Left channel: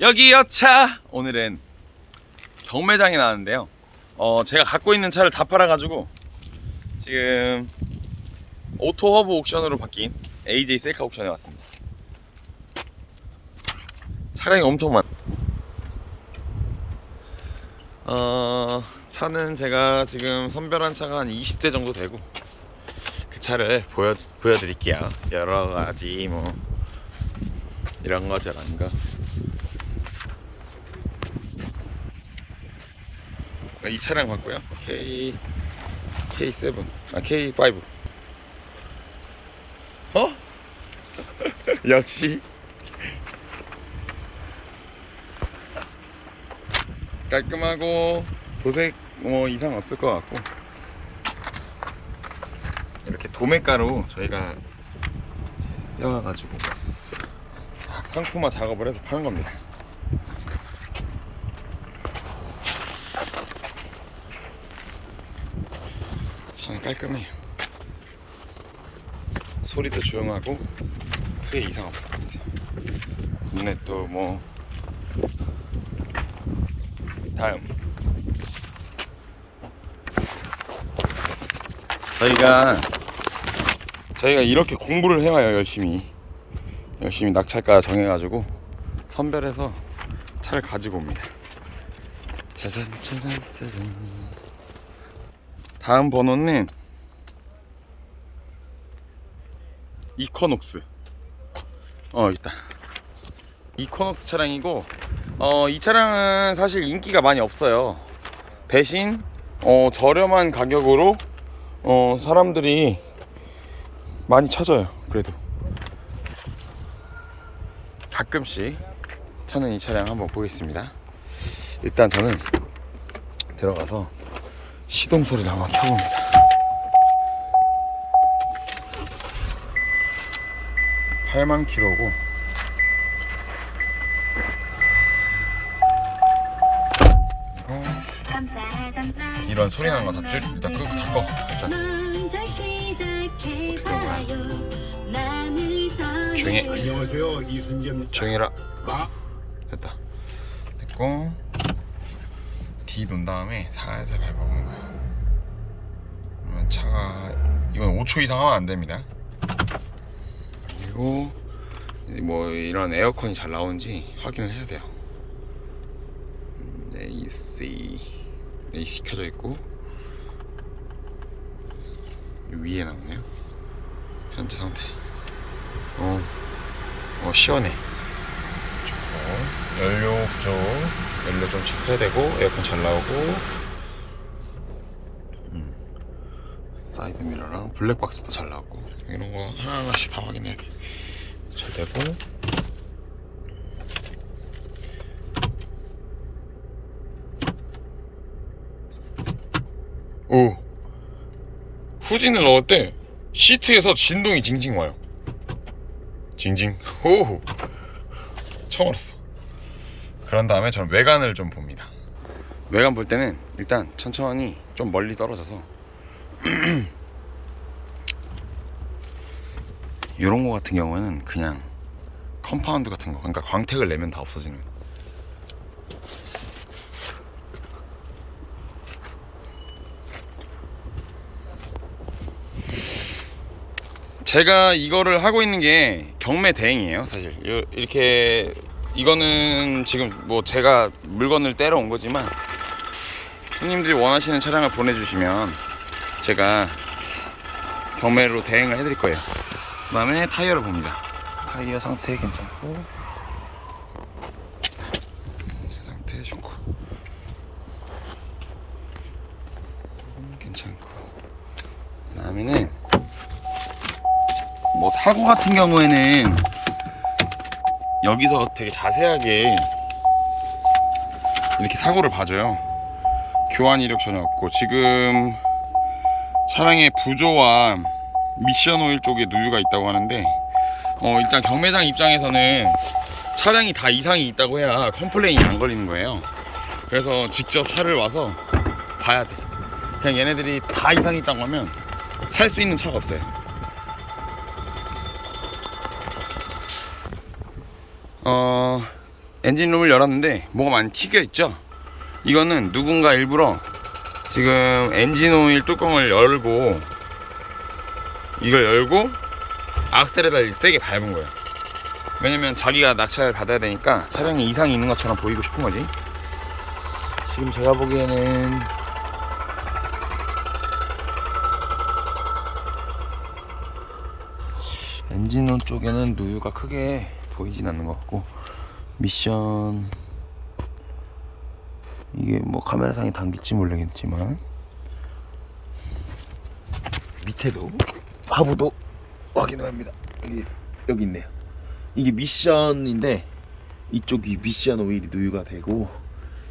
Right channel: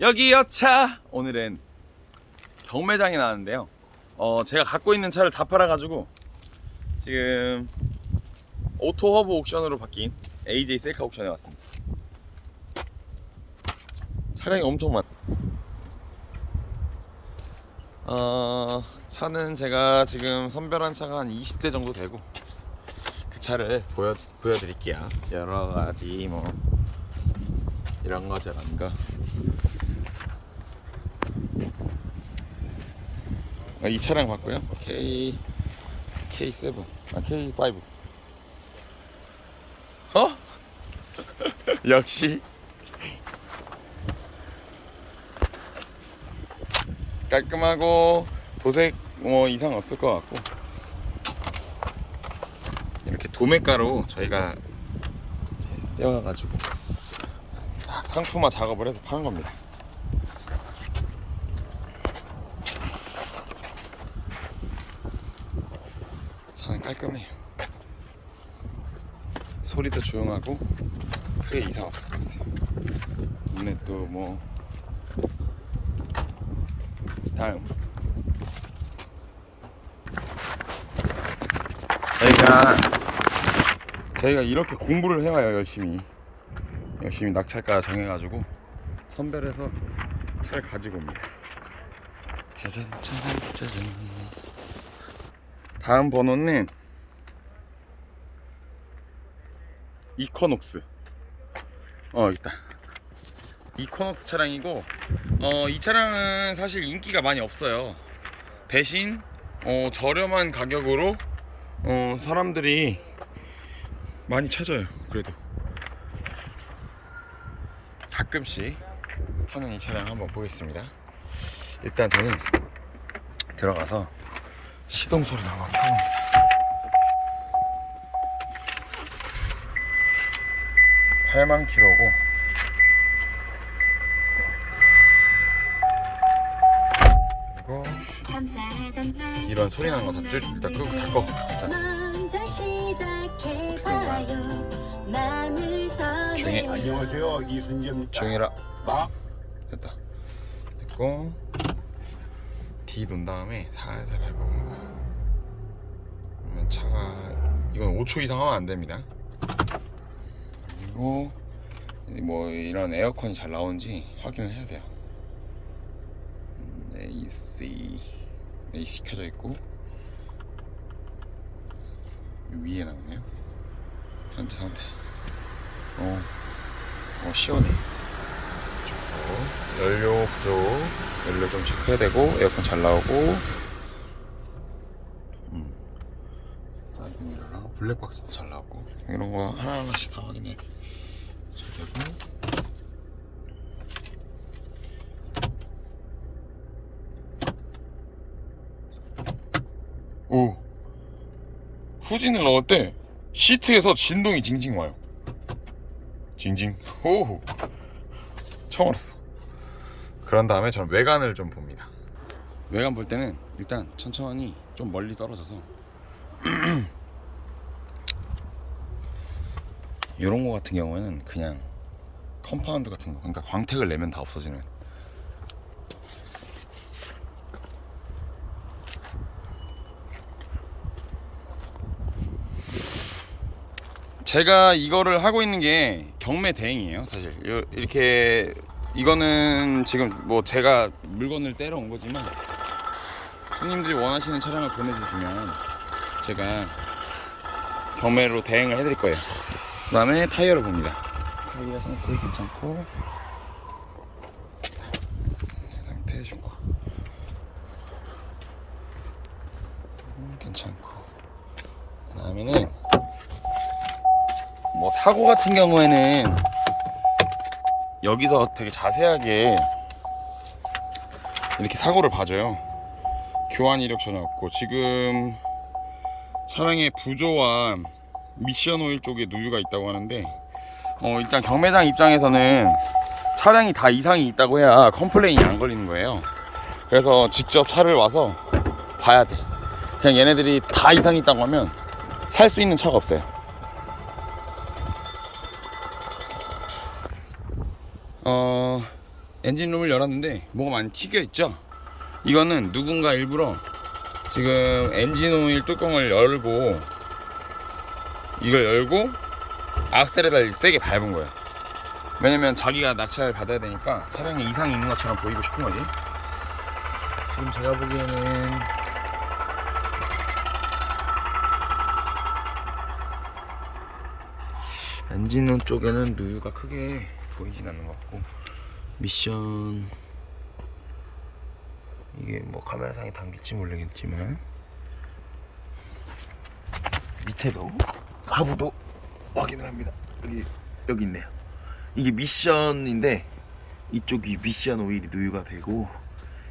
여기 여차. 오늘은 경매장에 나왔는데요. 어 제가 갖고 있는 차를 다 팔아가지고 지금 오토 허브 옥션으로 바뀐 AJ 셀카 옥션에 왔습니다. 차량이 엄청 많 어, 차는 제가 지금 선별한 차가 한 20대 정도 되고 그 차를 보여, 보여드릴게요. 여러 가지 뭐 이런 거 저런 거 아, 이 차량 봤고요. K K7 아 K5 어? 역시 깔끔하고 도색 뭐 이상 없을 것 같고 이렇게 도매가로 저희가 떼어가지고 상품화 작업을 해서 파는 겁니다. 깔끔해요. 소리도 조용하고 크게 이상 없을 것 같아요. 눈에 또뭐 다음 저희가 저희가 이렇게 공부를 해와요 열심히 열심히 낙찰가 정해가지고 선별해서 차를 가지고 옵니다. 짜잔 짜잔 짜잔. 다음 번호는 이코녹스. 어 있다. 이코녹스 차량이고 어, 이 차량은 사실 인기가 많이 없어요. 대신 어, 저렴한 가격으로 어, 사람들이 많이 찾아요. 그래도 가끔씩 찾는 이 차량 한번 보겠습니다. 일단 저는 들어가서 시동 소리를 한번 켜봅니다. 팔만 킬로고 그리고 이런 소리 나는 거다 줄 일단 끄고 다 꺼. 일단 어떻게 끄는 거야? 조용히. 안녕하세요 이순재입니다. 조용히 해라. 아, 됐다. 됐고 D 놓은 다음에 살살 밟아보는 거야. 그러면 차가 이건 5초 이상 하면 안 됩니다. 그리고 뭐 이런 에어컨이 잘 나오는지 확인을 해야 돼요. 음, AC AC 켜져 있고 이 위에 나오네요. 현재 상태. 어, 어 시원해. 좋고 연료 부족 연료 좀 체크해야 되고 에어컨 잘 나오고. 음. 사이드 미러랑 블랙박스도 잘 나오고. 이런 거 하나하나씩 다 확인해야 돼. 잘 되고. 오. 후진을 넣었대. 시트에서 진동이 징징 와요. 징징. 오 처음 알았어 그런 다음에 저는 외관을 좀 봅니다. 외관 볼 때는 일단 천천히 좀 멀리 떨어져서 이런 거 같은 경우에는 그냥 컴파운드 같은 거. 그러니까 광택을 내면 다 없어지는. 제가 이거를 하고 있는 게 경매 대행이에요 사실. 요- 이렇게 이거는 지금 뭐 제가 물건을 떼러 온 거지만 손님들이 원하시는 차량을 보내주시면 제가 경매로 대행을 해드릴 거예요. 그 다음에 타이어를 봅니다. 타이어 상태 괜찮고. 상태 좋고. 음, 괜찮고. 그 다음에는 뭐 사고 같은 경우에는 여기서 되게 자세하게 이렇게 사고를 봐줘요. 교환 이력 전혀 없고 지금 차량의 부조와 미션 오일 쪽에 누유가 있다고 하는데 어 일단 경매장 입장에서는 차량이 다 이상이 있다고 해야 컴플레인이 안 걸리는 거예요. 그래서 직접 차를 와서 봐야 돼. 그냥 얘네들이 다 이상이 있다고 하면 살 수 있는 차가 없어요. 어 엔진룸을 열었는데 뭐가 많이 튀겨 있죠? 이거는 누군가 일부러 지금 엔진 오일 뚜껑을 열고 이걸 열고 악셀에다 세게 밟은 거예요. 왜냐면 자기가 낙찰 받아야 되니까 차량에 이상이 있는 것처럼 보이고 싶은 거지. 지금 제가 보기에는 엔진온 쪽에는 누유가 크게 보이진 않는 것 같고 미션 이게 뭐 카메라상에 담길지 모르겠지만 밑에도 하부도 확인을 합니다. 여기 여기 있네요. 이게 미션인데 이쪽이 미션 오일이 누유가 되고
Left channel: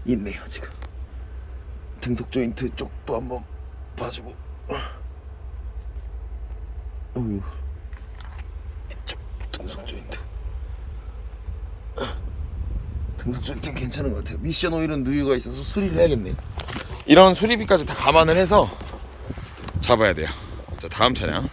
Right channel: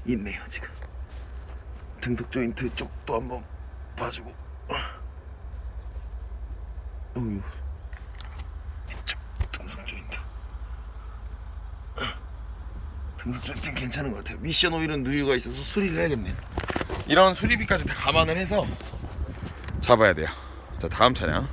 있네요 지금. 등속 조인트 쪽도 한번 봐주고. 어휴 이쪽 등속 조인트 등속 조인트는 괜찮은 것 같아요. 미션 오일은 누유가 있어서 수리를 해야겠네요 이런 수리비까지 다 감안을 해서 잡아야 돼요. 자 다음 차량